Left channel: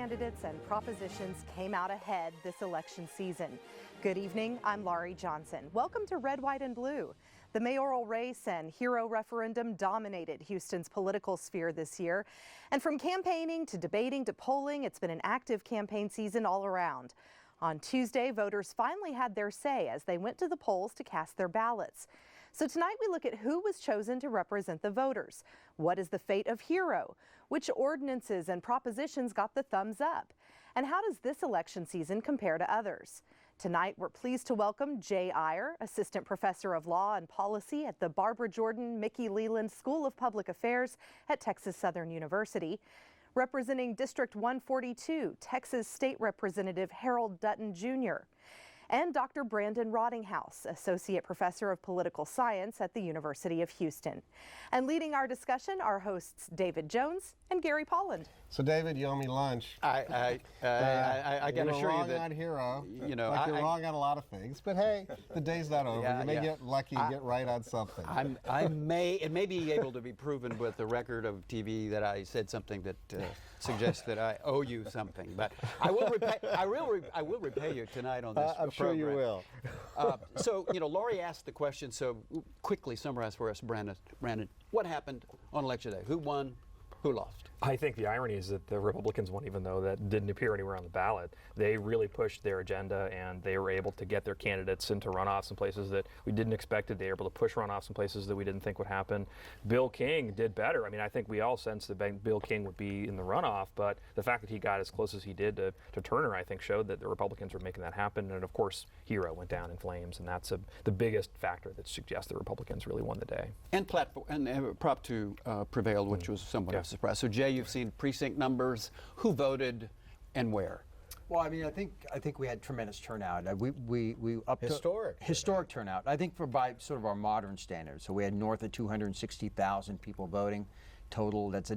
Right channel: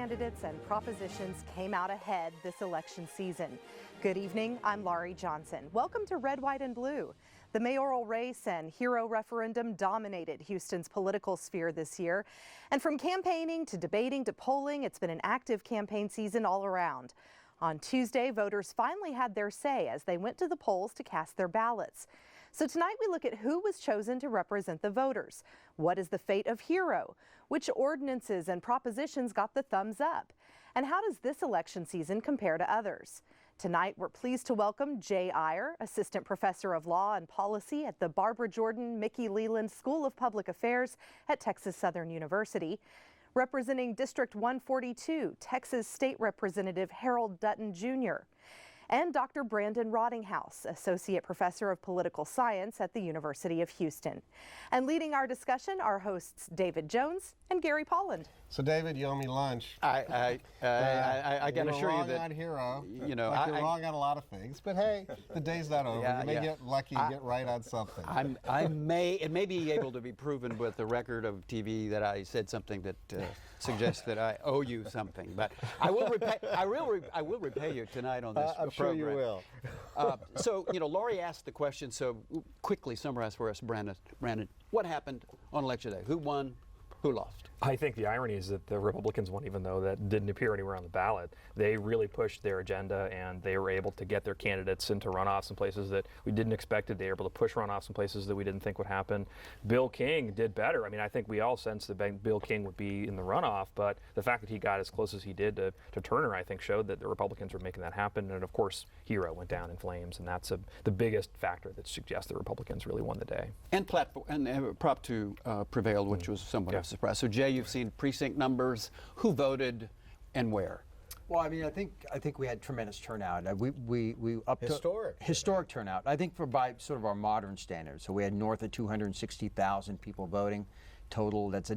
candidates and propositions came out ahead this election season. Good evening, I'm Laurie Johnson. Welcome to Red, White, and Blue. The mayoral race and hero referendum dominated Houston's political sphere this year. And from campaigning to debating to polling, it's been an active campaign season all around. On Tuesday, voters finally had their say as they went to the polls to cast their ballots. So tonight we look at who was chosen to represent the voters. What is the fate of Hero? Which ordinances and propositions got the thumbs up? And how does this election season compare to others? Tonight we're pleased to welcome Jay Iyer, Assistant Professor of Law and Policy at the Barbara Jordan Mickey Leland School of Public Affairs at Texas Southern University. Representing District 142, Texas State Representative Harold Dutton Jr., and Dr. Brandon Rottinghouse, Associate Professor of Political Science at the University of Houston. And leading our discussion are hosts David Jones and Gary Polland. So David, you owe me lunch. I can assure you that, on Hero. You know, like you're wrong on a lot of things, but hey, the day's not over. You may get lucky and get right on something. It may be able to be proven with the record of TV that I said something that suggests that I owe you something, but I will repay you tonight on this. I'm sure you will. So, you know, Laurie asked the question, so quickly summarize for us, Brandon, what happened on Election Day? Who won? Who lost? I think the irony is that the Republicans won, even though that didn't appear anywhere on the ballot. They really pushed their agenda, and they were able to get their candidates into runoffs in places that we didn't expect it. They were able to push runoffs in places that we didn't think would happen. Bill King did better. I mean, I think we all sensed that Bill King would be in the runoff, but the fact that he got as close as he did to Turner, I think, showed that the Republicans were making that happen. And, of course, Hero went down in flames, and that's the biggest factor that suggests the Republicans really won the day. And Prop 2 prevailed, which was somewhat of a surprise. So, Jay, you've seen precinct numbers. Who voted and where? Well, I mean, I think we had tremendous turnout. We upped historic turnout. I think by sort of our modern standards. So we had north of 260,000 people voting total. That's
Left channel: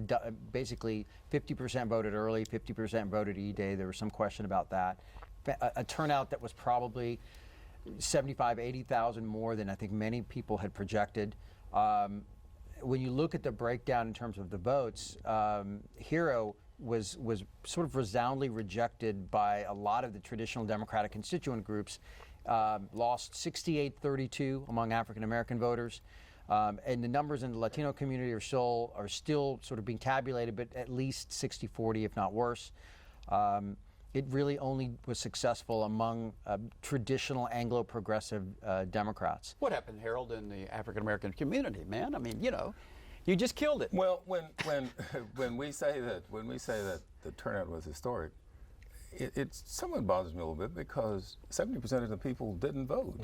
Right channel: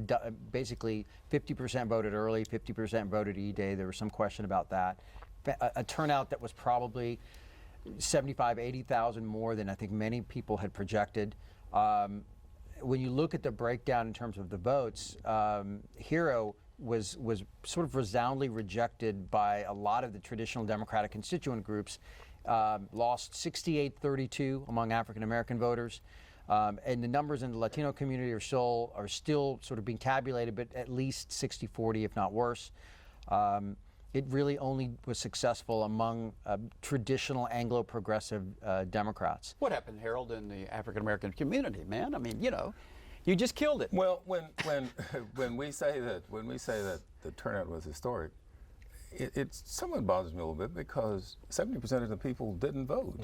basically 50% voted early, 50% voted E-Day. There was some question about that. A turnout that was probably 75,000, 80,000 more than I think many people had projected. When you look at the breakdown in terms of the votes, Hero was sort of resoundingly rejected by a lot of the traditional Democratic constituent groups, lost 68-32 among African American voters, and the numbers in the Latino community are still sort of being tabulated, but at least 60-40, if not worse. It really only was successful among traditional Anglo-progressive Democrats. What happened, Harold, in the African-American community, man? I mean, you know, you just killed it. Well, when we say that the turnout was historic, it somewhat bothers me a little bit because 70% of the people didn't vote.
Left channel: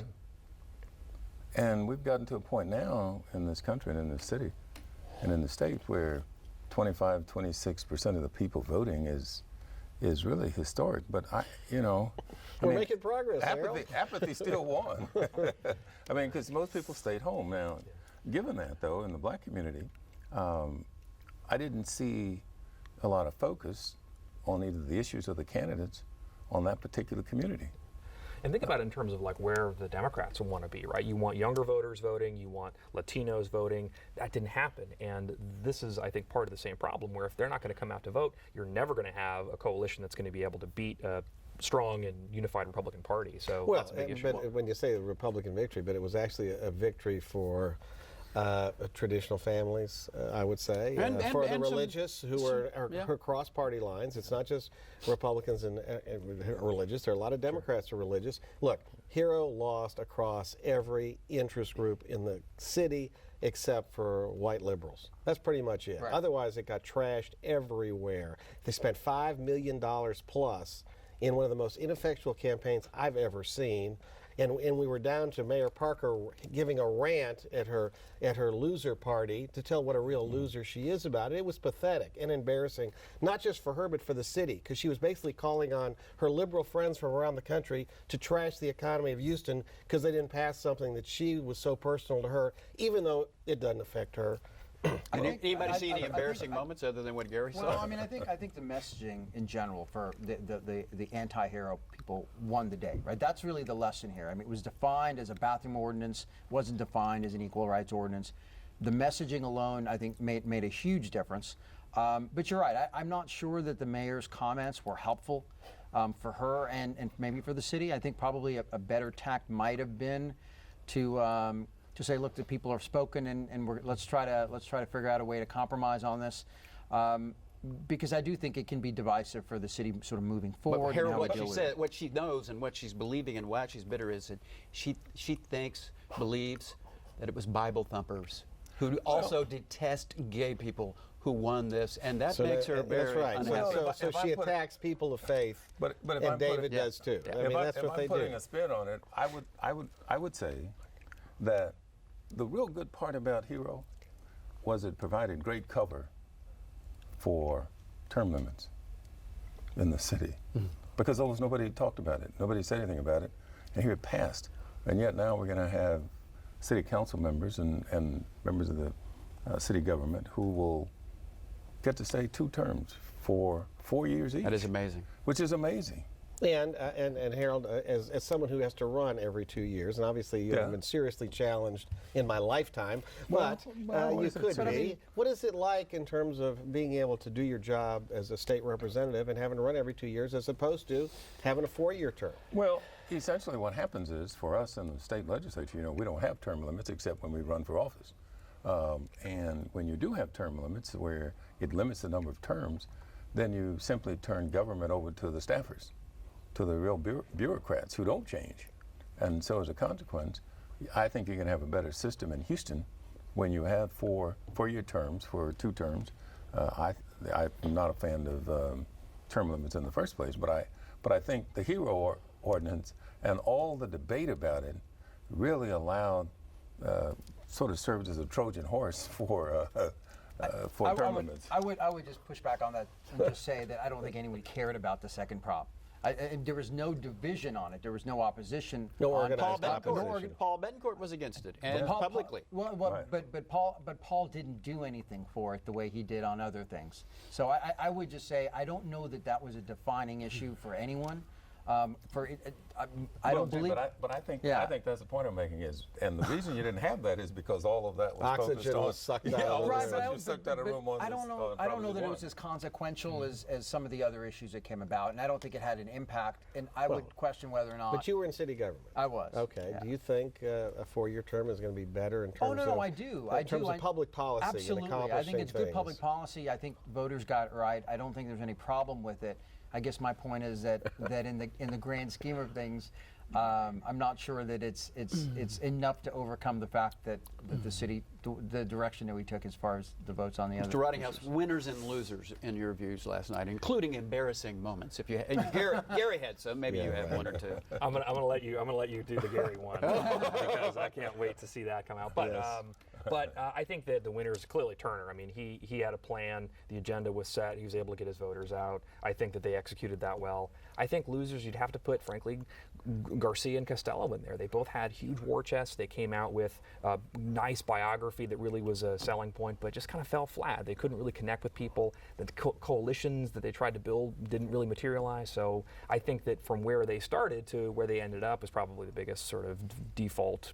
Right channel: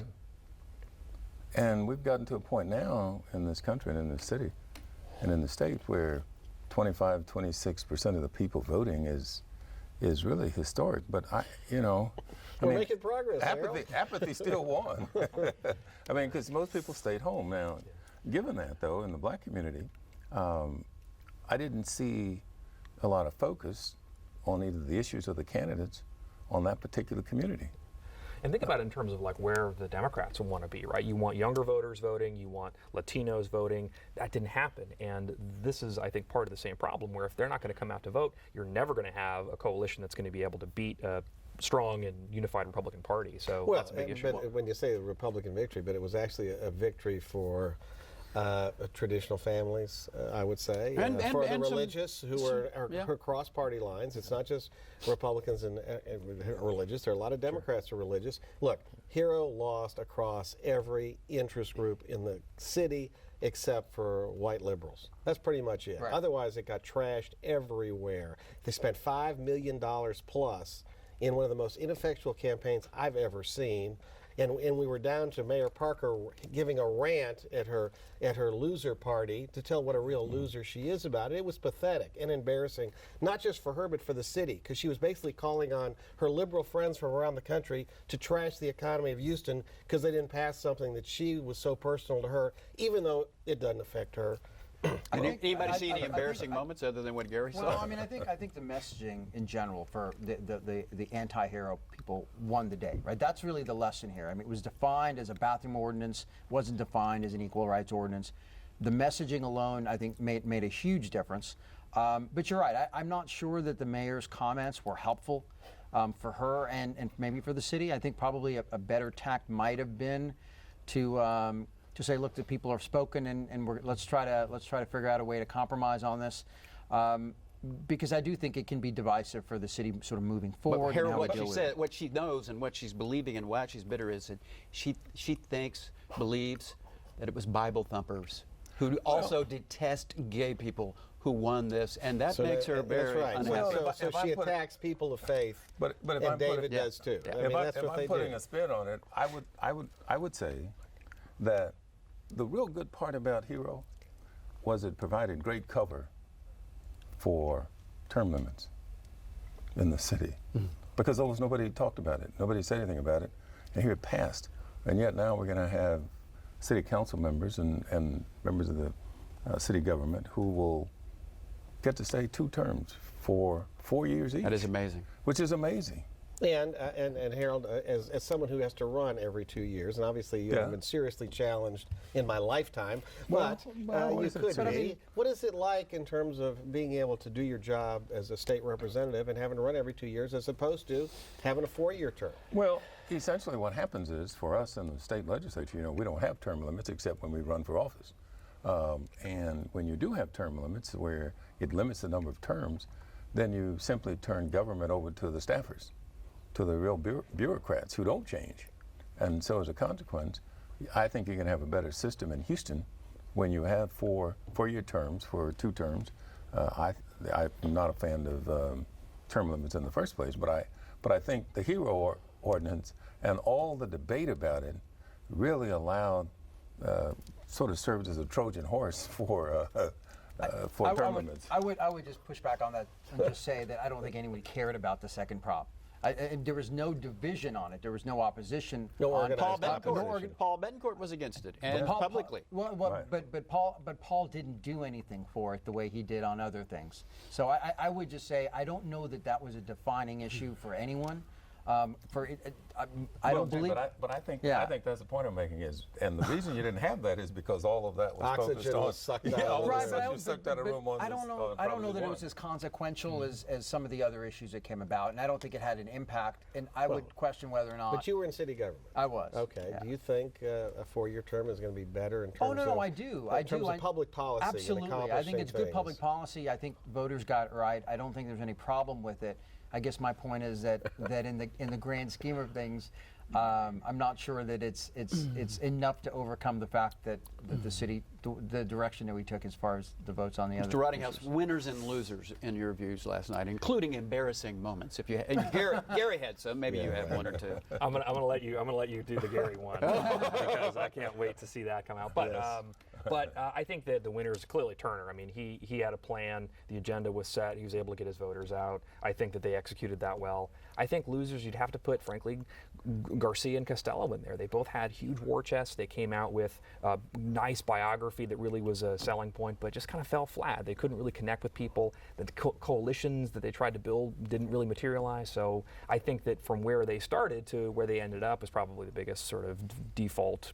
And we've gotten to a point now in this country and in this city and in the state where 26% of the people voting is really historic, but we're making progress. Apathy still won. I mean, because most people stayed home. Now, given that though, in the black community, I didn't see a lot of focus on either the issues or the candidates on that particular community. And think about it in terms of like where the Democrats want to be, right? You want younger voters voting, you want Latinos voting. That didn't happen. And this is, I think, part of the same problem where if they're not going to come out to vote, you're never going to have a coalition that's going to be able to beat a strong and unified Republican Party. So that's a big issue. But when you say the Republican victory, but it was actually a victory for traditional families, I would say, for the religious who are across party lines. It's not just Republicans and religious. There are a lot of Democrats who are religious. Look, Hero lost across every interest group in the city except for white liberals. That's pretty much it. Right. Otherwise, it got trashed everywhere. They spent $5 million plus in one of the most ineffectual campaigns I've ever seen. And we were down to Mayor Parker giving a rant at her loser party to tell what a real loser she is about it. It was pathetic and embarrassing, not just for her, but for the city, because she was basically calling on her liberal friends from around the country to trash the economy of Houston because they didn't pass something that she was so personal to her, even though it doesn't affect her. Anybody see any embarrassing moments other than what Gary said? Well, I mean, I think the messaging in general for the anti-Hero people won the day, right? That's really the lesson here. I mean, it was defined as a bathroom ordinance, wasn't defined as an equal rights ordinance. The messaging alone, I think, made a huge difference. But you're right. I'm not sure that the mayor's comments were helpful for her and maybe for the city. I think probably a better tact might have been to say, look, the people have spoken, and let's try to figure out a way to compromise on this. Because I do think it can be divisive for the city sort of moving forward. But what she said, what she knows and what she's believing and why she's bitter is that she believes that it was Bible thumpers who also detest gay people who won this, and that makes her very unhappy. So she attacks people of faith, and David does too. I mean, that's what they do. If I'm putting a spin on it, I would say that the real good part about Hero was it provided great cover for term limits in the city, because almost nobody talked about it. Nobody said anything about it, and here it passed. And yet now we're going to have city council members and members of the city government who will get to stay 2 terms for 4 years each. That is amazing. Which is amazing. And Harold, as someone who has to run every 2 years, and obviously you have been seriously challenged in my lifetime, but you could be. What is it like in terms of being able to do your job as a state representative and having to run every 2 years as opposed to having a 4-year term? Well, essentially what happens is, for us in the state legislature, we don't have term limits except when we run for office. And when you do have term limits where it limits the number of terms, then you simply turn government over to the staffers, to the real bureaucrats who don't change. And so as a consequence, I think you can have a better system in Houston when you have 4-year terms for 2 terms. I'm not a fan of term limits in the first place, but I think the HERO ordinance and all the debate about it really allowed, sort of served as a Trojan horse for term limits. I would just push back on that and just say that I don't think anyone cared about the second prop. There was no division on it. There was no opposition. No on organized opposition. Paul Betancourt was against it, and publicly. But Paul didn't do anything for it the way he did on other things. So I would just say I don't know that was a defining issue for anyone. I don't believe. But I think that's the point I'm making is, and the reason you didn't have that is because all of that was oxygen was sucked out. Sucked out of the room. I don't know that it was as consequential as some of the other issues that came about, and I don't think it had an impact. And I would question whether or not. But you were in city government. I was. Okay. Yeah. Do you think a 4-year term is going to be better in terms of? Oh no, I do. In terms of public policy. Absolutely. I think it's good public policy. I think voters got it right. I don't think there's any problem with it. I guess my point is that in the grand scheme of things, I'm not sure that it's enough to overcome the fact that the city, the direction that we took as far as the votes on the other. Mr. Rottinghouse, winners and losers in your views last night, including embarrassing moments. If you Gary had some, maybe you had 1 or 2. I'm gonna let you do the Gary one because I can't wait to see that come out. But But I think that the winner is clearly Turner. I mean, he had a plan. The agenda was set. He was able to get his voters out. I think that they executed that well. I think losers, you'd have to put, frankly, Garcia and Costello in there. They both had huge war chests. They came out with a nice biography that really was a selling point, but just kind of fell flat. They couldn't really connect with people. The coalitions that they tried to build didn't really materialize. So I think that from where they started to where they ended up is probably the biggest sort of default,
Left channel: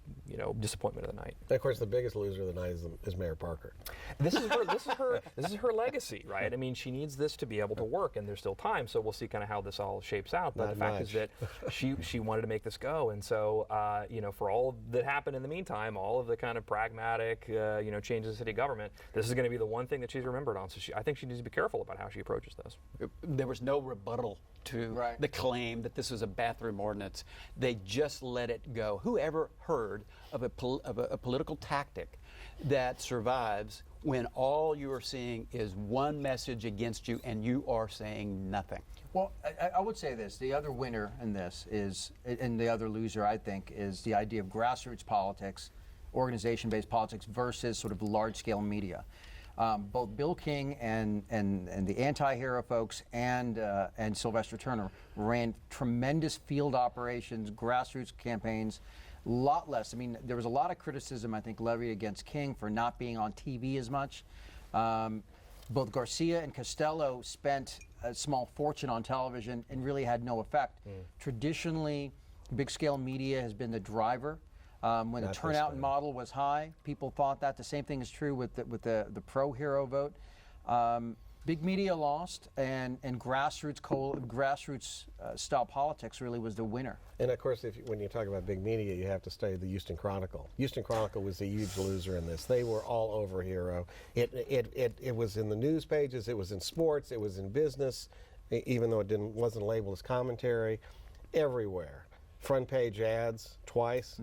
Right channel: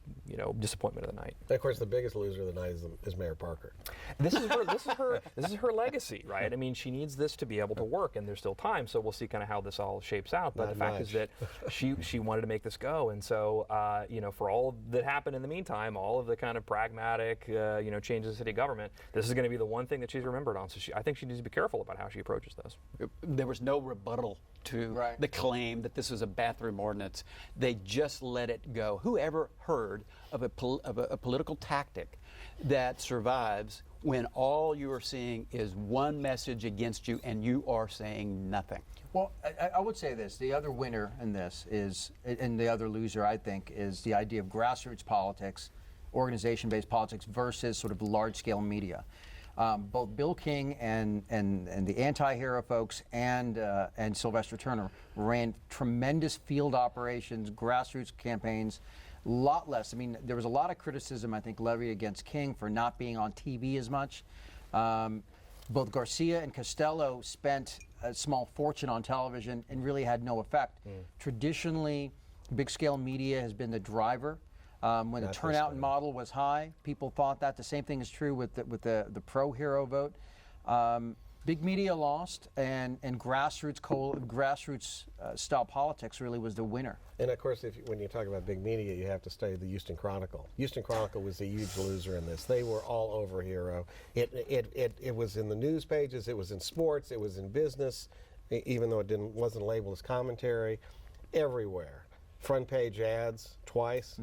disappointment of the night. And of course, the biggest loser of the night is Mayor Parker. This is her legacy, right? I mean, she needs this to be able to work, and there's still time. So we'll see kind of how this all shapes out. But the fact is that she wanted to make this go, and so for all that happened in the meantime, all of the kind of pragmatic changes in city government, this is going to be the one thing that she's remembered on. So I think she needs to be careful about how she approaches this. There was no rebuttal to the claim that this was a bathroom ordinance. They just let it go. Who ever heard of a political tactic that survives when all you are seeing is one message against you and you are saying nothing? Well, I would say this. The other winner in this is, and the other loser, I think, is the idea of grassroots politics, organization-based politics versus sort of large-scale media. Both Bill King and the anti-hero folks and Sylvester Turner ran tremendous field operations, grassroots campaigns, a lot less. I mean, there was a lot of criticism, I think, levied against King for not being on TV as much. Both Garcia and Costello spent a small fortune on television and really had no effect. Traditionally, big-scale media has been the driver. When the turnout model was high, people thought that. The same thing is true with the pro-hero vote. Big media lost, and grassroots style politics really was the winner. And of course, when you talk about big media, you have to study the Houston Chronicle. Houston Chronicle was a huge loser in this. They were all over Hero. It was in the news pages, it was in sports, it was in business, even though it wasn't labeled as commentary, everywhere. Front page ads twice.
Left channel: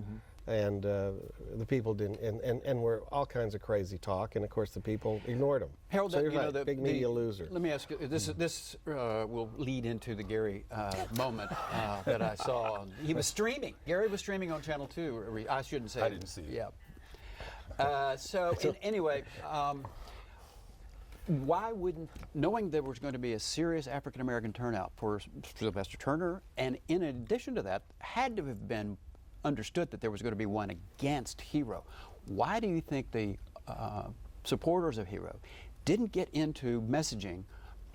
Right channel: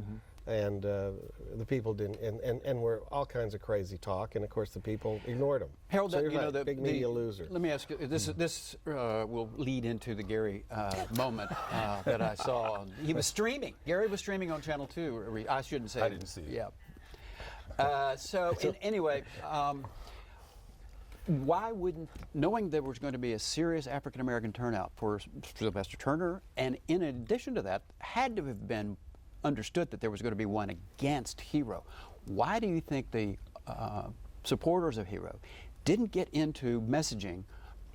And the people didn't, and were all kinds of crazy talk, and of course the people ignored them. Harold, so the big media loser. Let me ask you, this will lead into the Gary moment that I saw. He was streaming. Gary was streaming on Channel 2. I shouldn't say. I didn't see it. Yeah. Anyway, why wouldn't, knowing there was going to be a serious African American turnout for Sylvester Turner, and in addition to that, had to have been understood that there was going to be one against Hero. Why do you think the supporters of Hero didn't get into messaging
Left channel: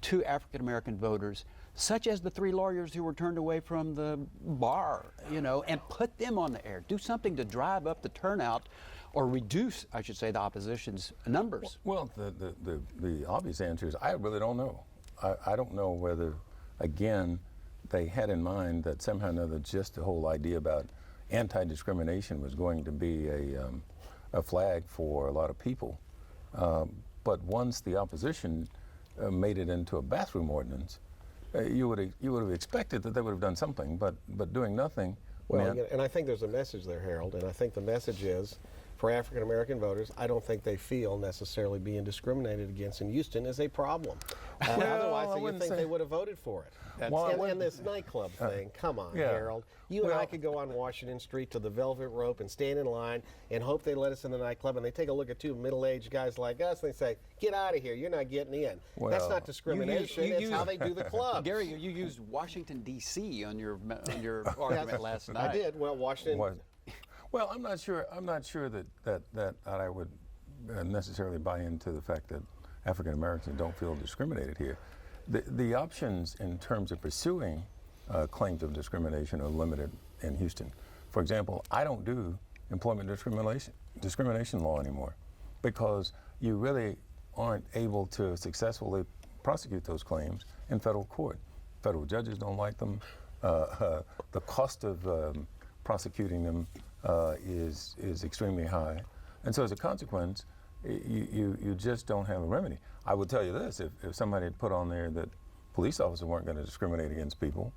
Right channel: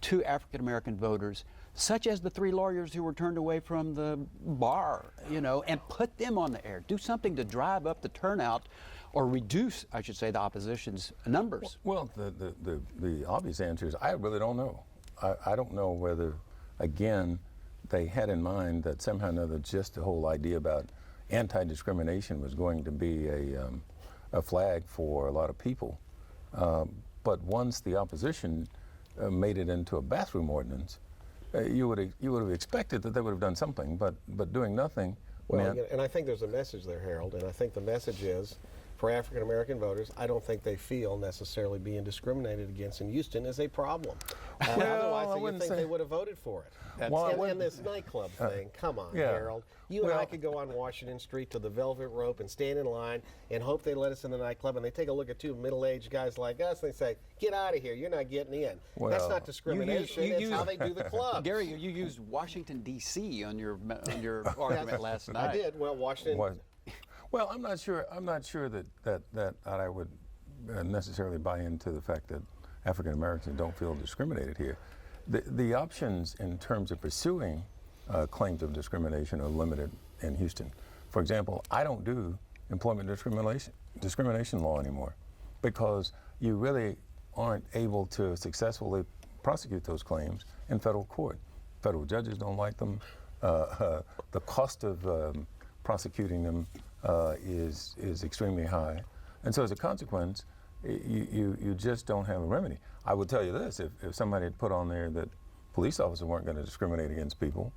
to African American voters, such as the 3 lawyers who were turned away from the bar, and put them on the air? Do something to drive up the turnout, or reduce, I should say, the opposition's numbers. Well, the obvious answer is I really don't know. I don't know whether, again, they had in mind that somehow or another just the whole idea about anti-discrimination was going to be a flag for a lot of people. But once the opposition made it into a bathroom ordinance, you would have expected that they would have done something, but doing nothing. Well, and I think there's a message there, Harold, and I think the message is, for African American voters, I don't think they feel necessarily being discriminated against in Houston is a problem. Otherwise, you think they would have voted for it. And this nightclub thing, come on, Harold. You and I could go on Washington Street to the Velvet Rope and stand in line and hope they let us in the nightclub, and they take a look at 2 middle-aged guys like us and they say, get out of here, you're not getting in. Well, that's not discrimination, it's how they do the clubs. Gary, you used Washington, D.C. on your argument last night. I did. Well, Washington... Well, I'm not sure that I would necessarily buy into the fact that African Americans don't feel discriminated here. The options in terms of pursuing claims of discrimination are limited in Houston. For example, I don't do employment discrimination law anymore because you really aren't able to successfully prosecute those claims in federal court. Federal judges don't like them. The cost of prosecuting them is extremely high, and so as a consequence, you just don't have a remedy. I would tell you this: if somebody had put on there that police officers weren't going to discriminate against people,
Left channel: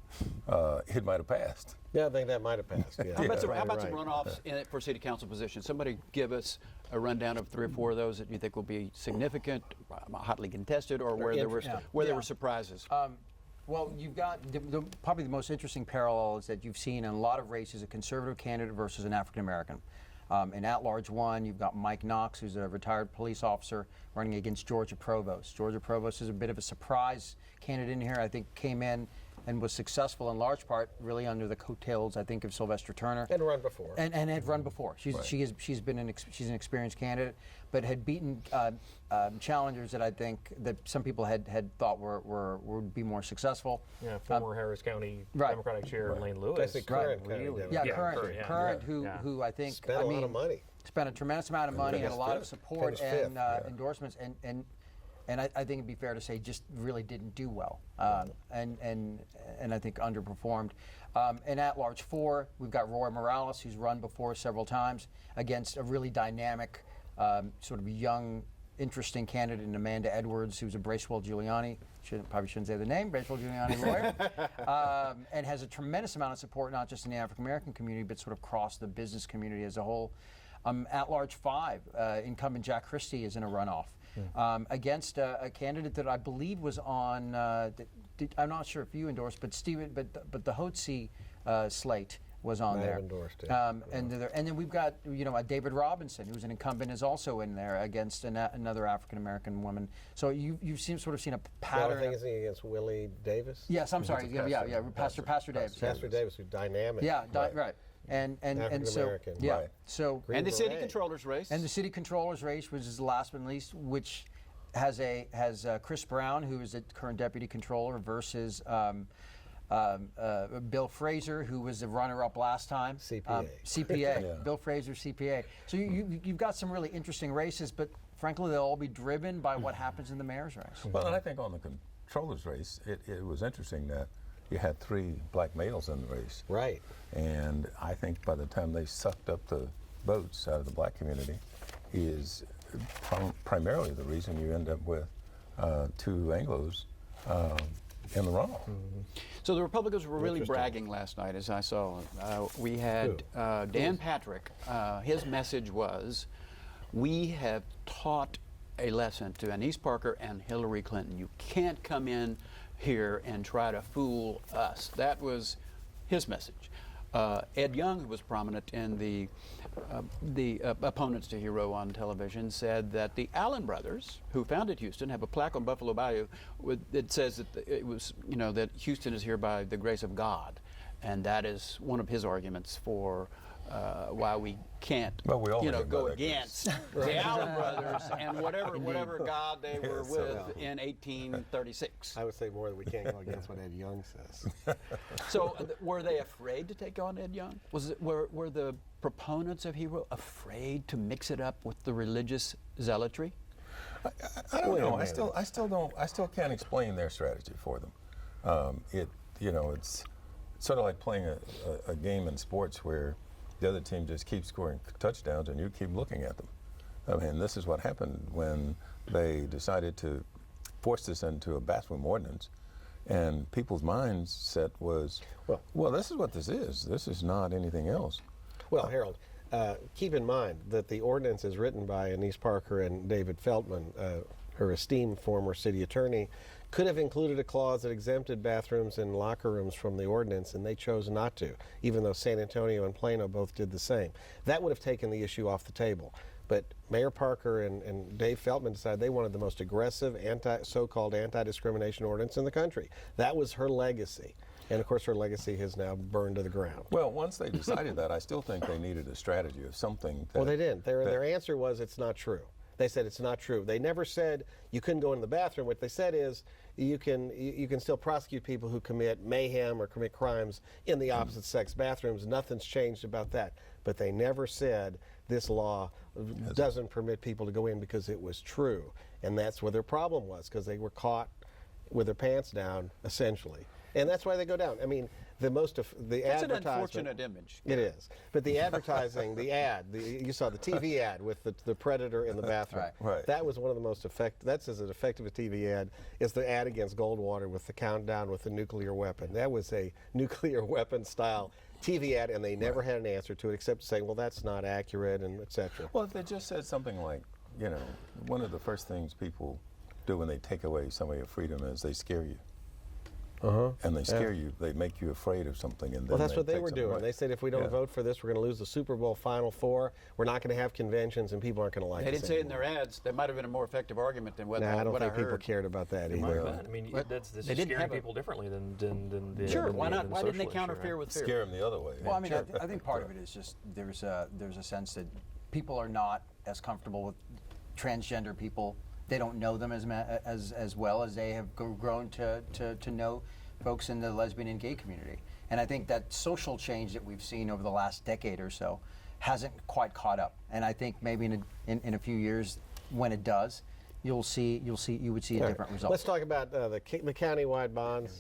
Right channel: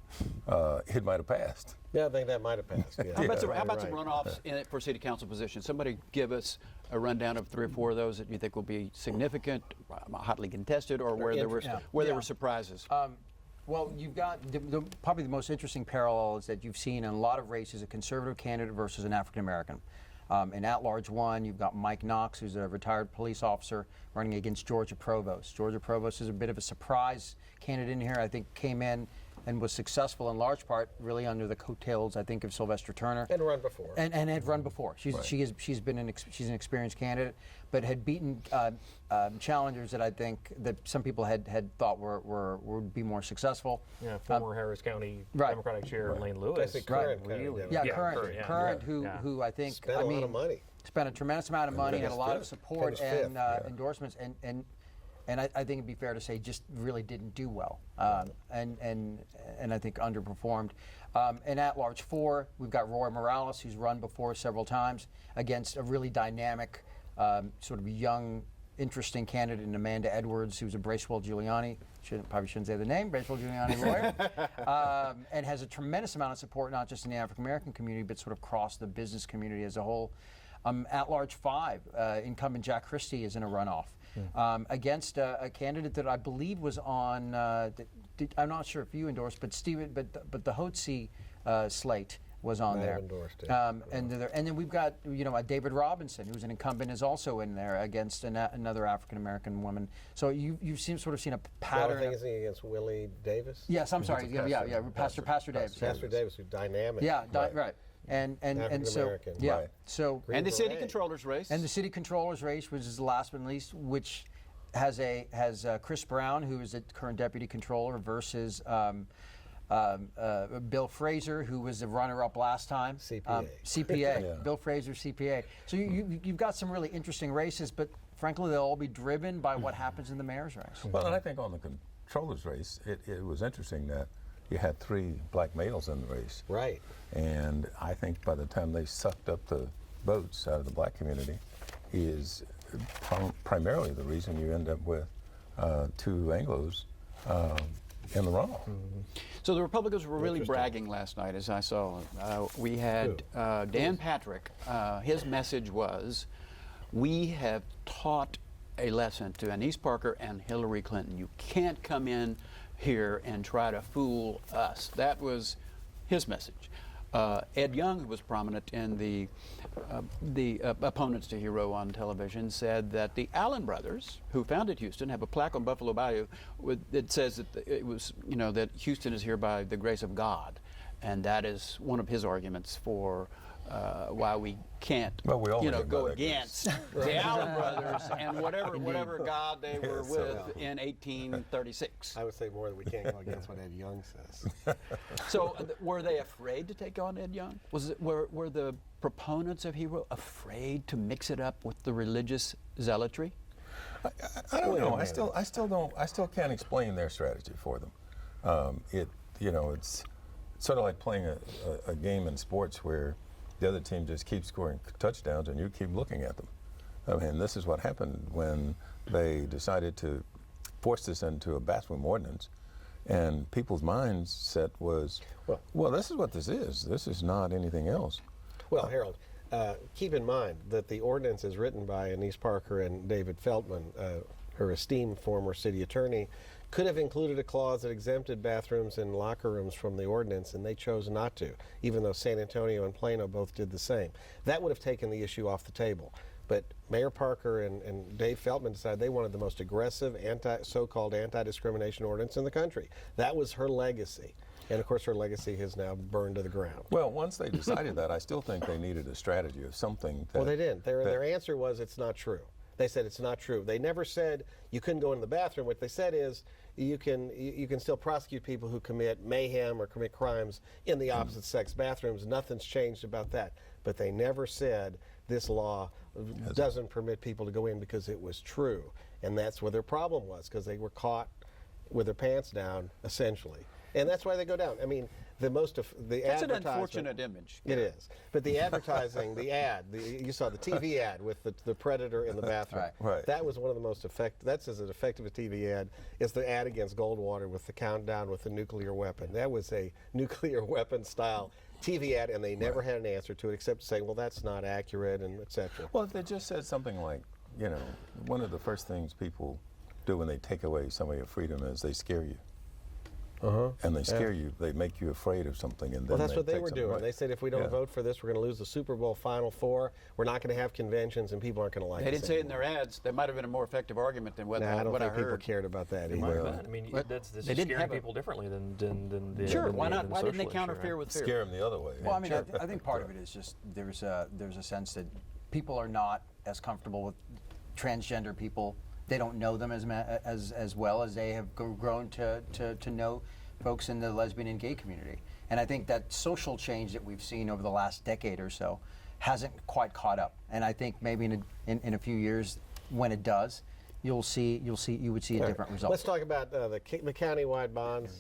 it might have passed. Yeah, I think that might have passed. Yeah. How about some runoffs for city council positions? Somebody give us a rundown of 3 or 4 of those that you think will be significant, hotly contested, or where there were surprises. Well, you've got probably the most interesting parallel is that you've seen in a lot of races a conservative candidate versus an African American. In at-large one, you've got Mike Knox, who's a retired police officer, running against Georgia Provost. Georgia Provost is a bit of a surprise candidate in here. I think came in and was successful in large part really under the coattails, I think, of Sylvester Turner. And run before. And had run before. She's an experienced candidate, but had beaten challengers that I think that some people had thought would be more successful. Yeah, former Harris County Democratic Chair Lane Lewis. Current, Current, who I think spent a lot of money. Spent a tremendous amount of money, had a lot of support and endorsements, and I think it'd be fair to say just really didn't do well, and I think underperformed. In at-large 4, we've got Roy Morales, who's run before several times against a really dynamic, sort of young, interesting candidate in Amanda Edwards, who's a Bracewell Giuliani. Probably shouldn't say the name, Bracewell Giuliani lawyer, and has a tremendous amount of support, not just in the African American community, but sort of across the business community as a whole. At-large 5, incumbent Jack Christie is in a runoff against a candidate that I believe was on. I'm not sure if you endorsed, but but the Hotze slate was on there. Endorsed, and then we've got David Robinson, who's an incumbent, is also in there against another African American woman. So you've seen a pattern. I think it's against Willie Davis. Yes, I'm sorry. Pastor Davis. Pastor Davis, who's dynamic. Yeah, right. And so right. So and the city controller's race. And the city controller's race, which is the last but not least, which has Chris Brown, who is the current deputy controller, versus Bill Fraser, who was the runner-up last time. CPA. CPA. Bill Fraser, CPA. So you've got some really interesting races, but frankly, they'll all be driven by what happens in the mayor's race. Well, and I think on the controller's race, it was interesting that you had 3 black males in the race. Right. And I think by the time they sucked up the votes out of the black community is primarily the reason you end up with 2 Anglos in the runoff. So the Republicans were really bragging last night, as I saw. We had Dan Patrick. His message was, we have taught a lesson to Annise Parker and Hillary Clinton. You can't come in here and try to fool us. That was his message. Ed Young, who was prominent in the opponents to Hero on television, said that the Allen brothers, who founded Houston, have a plaque on Buffalo Bayou that says that it was, that Houston is here by the grace of God, and that is one of his arguments for why we can't, go against the Allen brothers and whatever God they were with in 1836. I would say more than we can't go against what Ed Young says. So, were they afraid to take on Ed Young? Were the proponents of Hero afraid to mix it up with the religious zealotry? I don't know. I still can't explain their strategy for them. It's sort of like playing a game in sports where the other team just keeps scoring touchdowns and you keep looking at them. I mean, this is what happened when they decided to force this into a bathroom ordinance, and people's mindset was, well, this is what this is. This is not anything else. Well, Harold, keep in mind that the ordinance is written by Annise Parker and David Feldman, her esteemed former city attorney, could have included a clause that exempted bathrooms and locker rooms from the ordinance, and they chose not to, even though San Antonio and Plano both did the same. That would have taken the issue off the table. But Mayor Parker and Dave Feldman decided they wanted the most aggressive so-called anti-discrimination ordinance in the country. That was her legacy. And of course, her legacy has now burned to the ground. Well, once they decided that, I still think they needed a strategy of something. Well, they didn't. Their answer was, it's not true. They said it's not true. They never said you couldn't go into the bathroom. What they said is you can still prosecute people who commit mayhem or commit crimes in the opposite sex bathrooms. Nothing's changed about that. But they never said this law doesn't permit people to go in because it was true. And that's where their problem was, because they were caught with their pants down, essentially. And that's why they go down. I mean, that's an unfortunate image. It is. But the advertising, you saw the TV ad with the predator in the bathroom. Right. That was one of the most effective. That's as effective a TV ad is the ad against Goldwater with the countdown with the nuclear weapon. That was a nuclear weapon style TV ad, and they never had an answer to it except saying, well, that's not accurate, and et cetera. Well, if they just said something like, one of the first things people do when they take away some of your freedom is they scare you. And they scare you. They make you afraid of something. And then that's what they were doing. Right. They said, if we don't vote for this, we're going to lose the Super Bowl Final Four. We're not going to have conventions, and people aren't going to like it. They didn't say it in their ads. That might have been a more effective argument than what I heard. I don't think people cared about that either. I mean, this is scaring people differently than the Sure, why not? The Why didn't they socialists, counterfear with fear? Scare them the other way. Well, I mean, I think part of it is just there's a sense that people are not as comfortable with transgender people. They don't know them as well as they have grown to know folks in the lesbian and gay community. And I think that social change that we've seen over the last decade or so hasn't quite caught up. And I think maybe in a few years, when it does, you would see a different result. Let's talk about the county-wide bonds.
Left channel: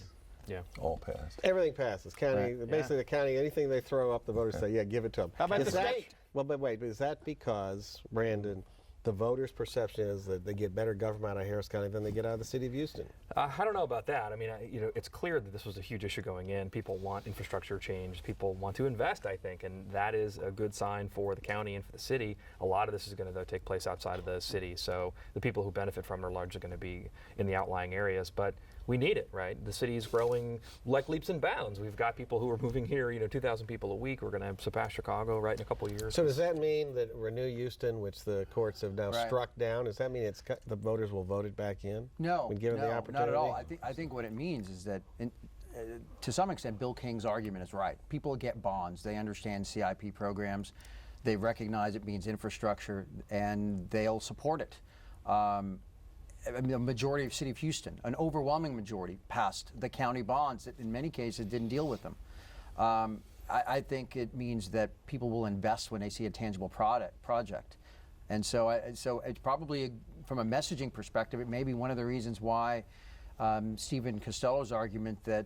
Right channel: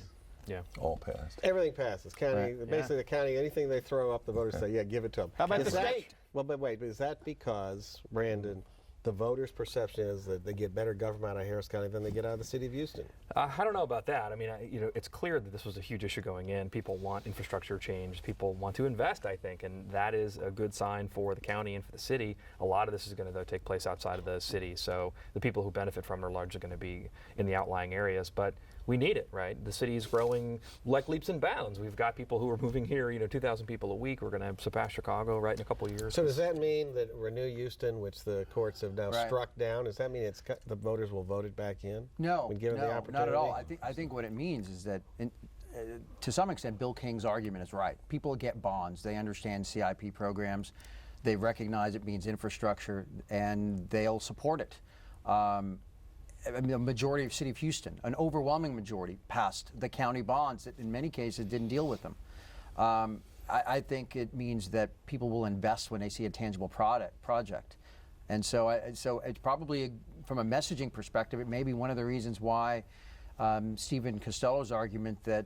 Yeah, all passed. Everything passes. County, basically the county, anything they throw up, the voters say, yeah, give it to them. How about the state? Well, but wait, is that because, Brandon, the voters' perception is that they get better government out of Harris County than they get out of the city of Houston? I don't know about that. I mean, it's clear that this was a huge issue going in. People want infrastructure change. People want to invest, I think, and that is a good sign for the county and for the city. A lot of this is going to, though, take place outside of the city, so the people who benefit from it are largely going to be in the outlying areas. But we need it, right? The city is growing like leaps and bounds. We've got people who are moving here, 2,000 people a week. We're going to surpass Chicago, right, in a couple of years. So does that mean that Renew Houston, which the courts have now struck down, does that mean the voters will vote it back in? No, when given no, the opportunity? not at all. I think what it means is that, to some extent, Bill King's argument is right. People get bonds. They understand CIP programs. They recognize it means infrastructure, and they'll support it. I mean, the majority of City of Houston, an overwhelming majority, passed the county bonds that in many cases didn't deal with them. I think it means that people will invest when they see a tangible project. And so it's probably, from a messaging perspective, it may be one of the reasons why Stephen Costello's argument that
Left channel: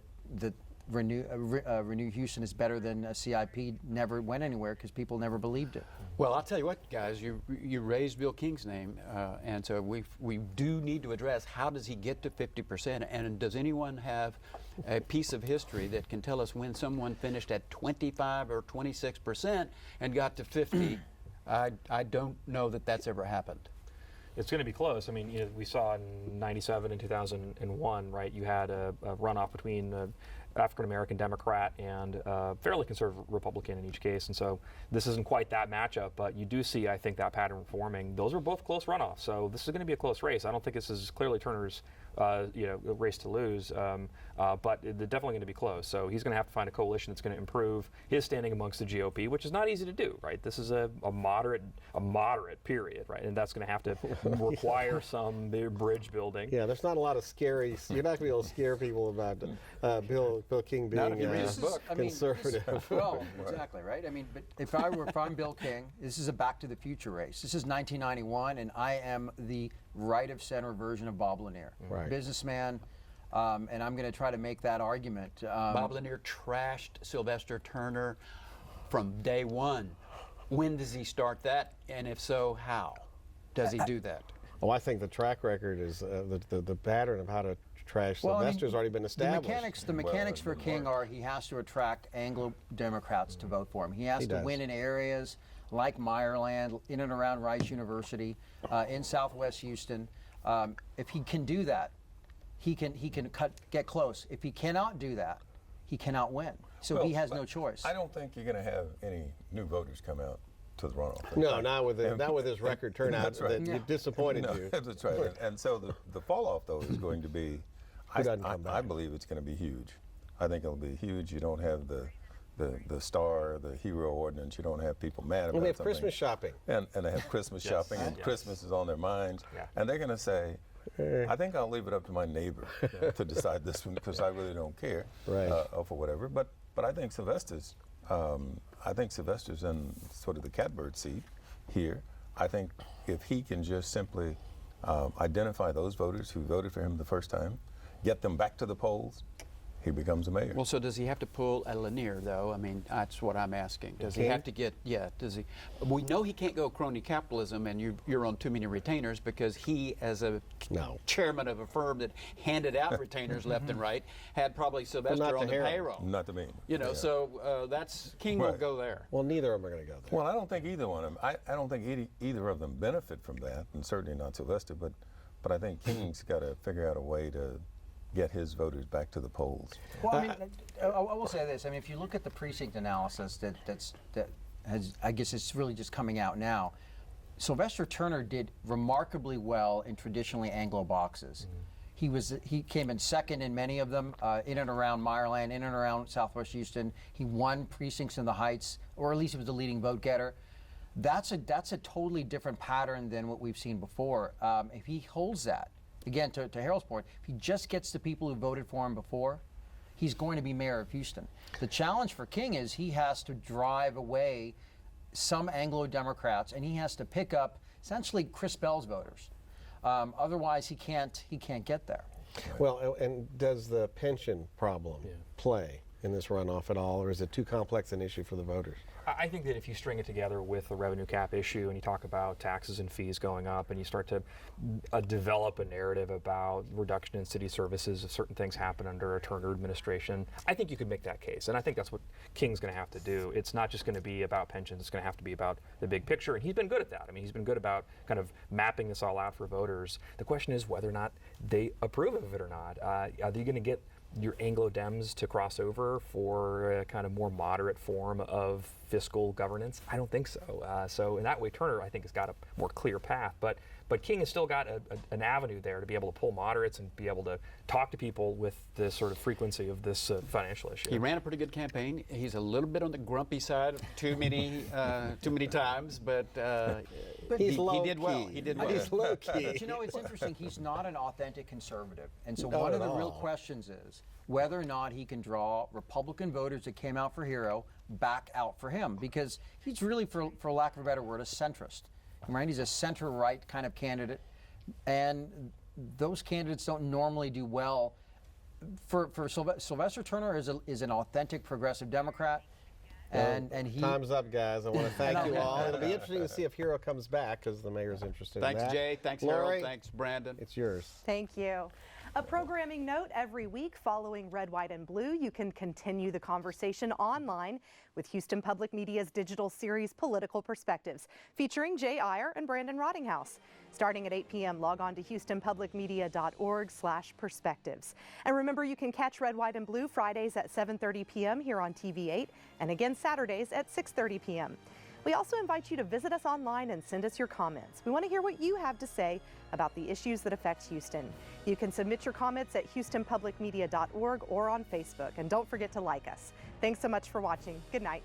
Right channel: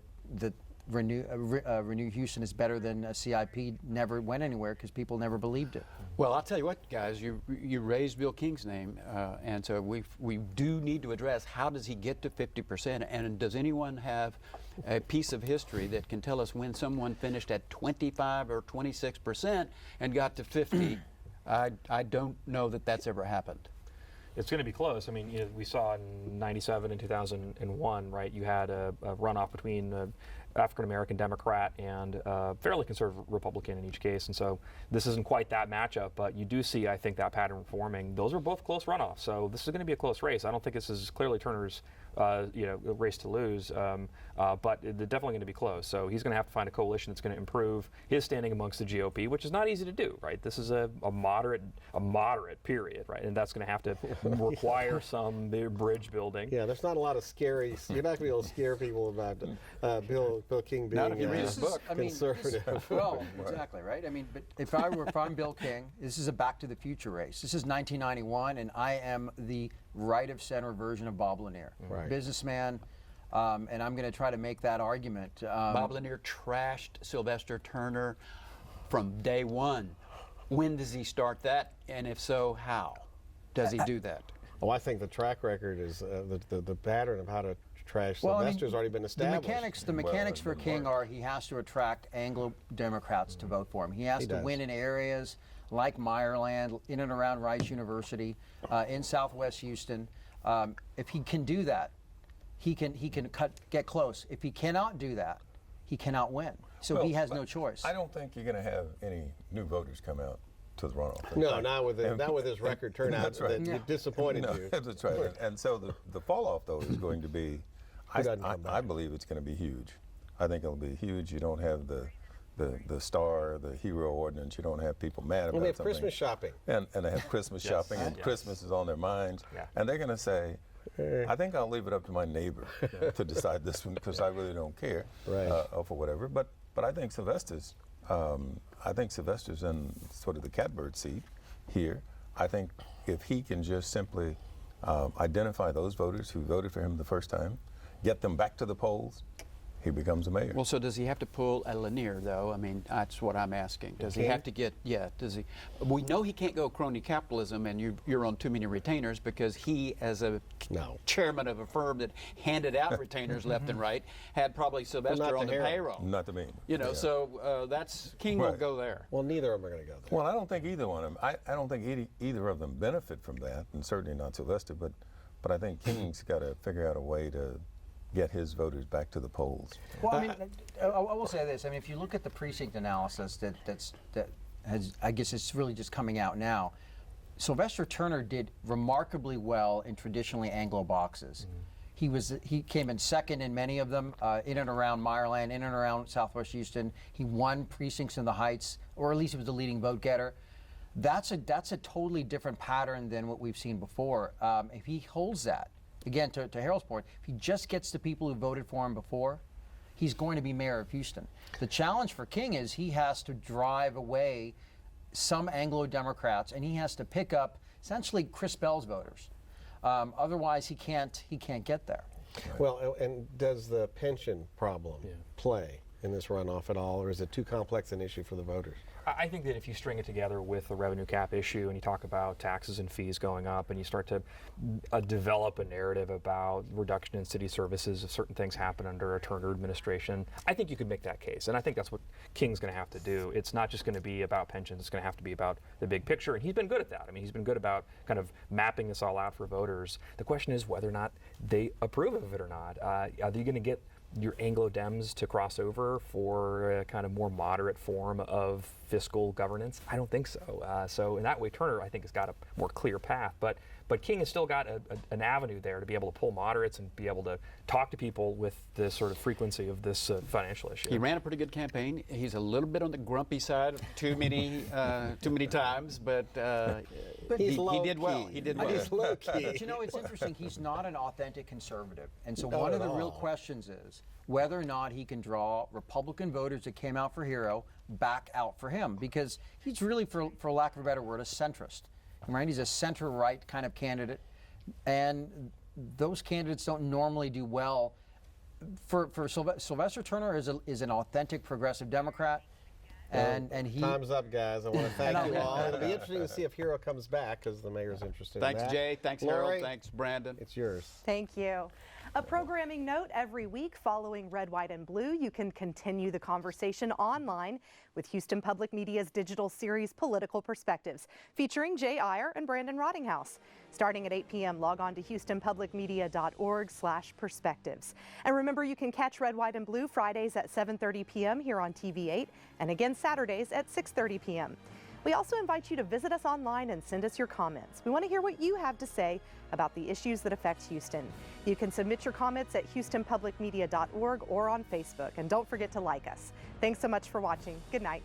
Renew Houston is better than a CIP never went anywhere, because people never believed it. Well, I'll tell you what, guys, you raised Bill King's name, and so we do need to address, how does he get to 50%, and does anyone have a piece of history that can tell us when someone finished at 25 or 26% and got to 50? I don't know that that's ever happened. It's going to be close. I mean, we saw in '97 and 2001, right? You had a runoff between African-American Democrat and fairly conservative Republican in each case. And so this isn't quite that matchup, but you do see, I think, that pattern forming. Those are both close runoffs. So this is going to be a close race. I don't think this is clearly Turner's race to lose, but they're definitely going to be close. So he's going to have to find a coalition that's going to improve his standing amongst the GOP, which is not easy to do, right? This is a moderate period, right? And that's going to have to require some bridge building. Yeah, there's not a lot of scary. You're not going to be able to scare people about Bill King being conservative. Well, exactly, right? I mean, but if I'm Bill King, this is a Back to the Future race. This is 1991, and I am the right-of-center version of Bob Lanier, businessman, and I'm going to try to make that argument. Bob Lanier trashed Sylvester Turner from day one. When does he start that, and if so, how does he do that? Well, I think the track record is the pattern of how to trash Sylvester's already been established. The mechanics for King are, he has to attract Anglo Democrats to vote for him. He has to win in areas like Meyerland, in and around Rice University, in Southwest Houston. If he can do that, he can get close. If he cannot do that, he cannot win. So he has no choice. I don't think you're going to have any new voters come out to the runoff. No, not with his record turnout. That's right. That disappointed you. That's right. And so the fall off, though, is going to be, I believe it's going to be huge. I think it'll be huge. You don't have the star, the hero ordinance. You don't have people mad about they have something. Christmas shopping. And they have Christmas shopping, and Christmas is on their minds. Yeah. And they're going to say, I think I'll leave it up to my neighbor to decide this one, because I really don't care for whatever. But I think Sylvester's in sort of the catbird seat here. I think if he can just simply identify those voters who voted for him the first time, get them back to the polls, he becomes a mayor. Well, so does he have to pull a Lanier, though? I mean, that's what I'm asking. Does he have to get, does he? We know he can't go crony capitalism and you're on too many retainers, because he, as a chairman of a firm that handed out retainers left and right, had probably Sylvester on the payroll. Not to me. So that's, King won't go there. Well, neither of them are going to go there. Well, I don't think either one of them. I don't think either of them benefit from that, and certainly not Sylvester, but I think King's got to figure out a way to get his voters back to the polls. Well, I mean, I will say this. I mean, if you look at the precinct analysis that has, I guess it's really just coming out now, Sylvester Turner did remarkably well in traditionally Anglo boxes. Mm-hmm. He came in second in many of them, in and around Meyerland, in and around Southwest Houston. He won precincts in the Heights, or at least he was the leading vote getter. That's a totally different pattern than what we've seen before. If he holds that, again, to Harold's point, if he just gets the people who voted for him before, he's going to be mayor of Houston. The challenge for King is he has to drive away some Anglo-Democrats, and he has to pick up essentially Chris Bell's voters. Otherwise, he can't get there. Well, and does the pension problem play in this runoff at all, or is it too complex an issue for the voters? I think that if you string it together with the revenue cap issue, and you talk about taxes and fees going up, and you start to develop a narrative about reduction in city services if certain things happen under a Turner administration, I think you could make that case. And I think that's what King's going to have to do. It's not just going to be about pensions. It's going to have to be about the big picture. And he's been good at that. I mean, he's been good about kind of mapping this all out for voters. The question is whether or not they approve of it or not. Are you going to get your Anglo-Dems to cross over for a kind of more moderate form of fiscal governance? I don't think so. So in that way, Turner, I think, has got a more clear path. But King has still got an avenue there to be able to pull moderates and be able to talk to people with the sort of frequency of this financial issue. He ran a pretty good campaign. He's a little bit on the grumpy side too many times, but he did well. He did well. He's low key. But you know, it's interesting. He's not an authentic conservative. And so one of the real questions is whether or not he can draw Republican voters that came out for Hero back out for him. Because he's really, for lack of a better word, a centrist. And Randy's a center-right kind of candidate, and those candidates don't normally do well. For Sylvester Turner is an authentic progressive Democrat. And he time's up, guys. I want to thank you all. It'll be interesting to see if Hero comes back because the mayor's interested Thanks, in that. Jay. Thanks, Lori, Harold. Thanks, Brandon. It's yours. Thank you. A programming note: every week following Red, White, and Blue, you can continue the conversation online with Houston Public Media's digital series Political Perspectives, featuring Jay Iyer and Brandon Rottinghouse. Starting at 8 p.m., log on to houstonpublicmedia.org/perspectives. And remember, you can catch Red, White, and Blue Fridays at 7:30 p.m. here on TV8, and again Saturdays at 6:30 p.m. We also invite you to visit us online and send us your comments. We want to hear what you have to say about the issues that affect Houston. You can submit your comments at houstonpublicmedia.org or on Facebook. And don't forget to like us. Thanks so much for watching. Good night.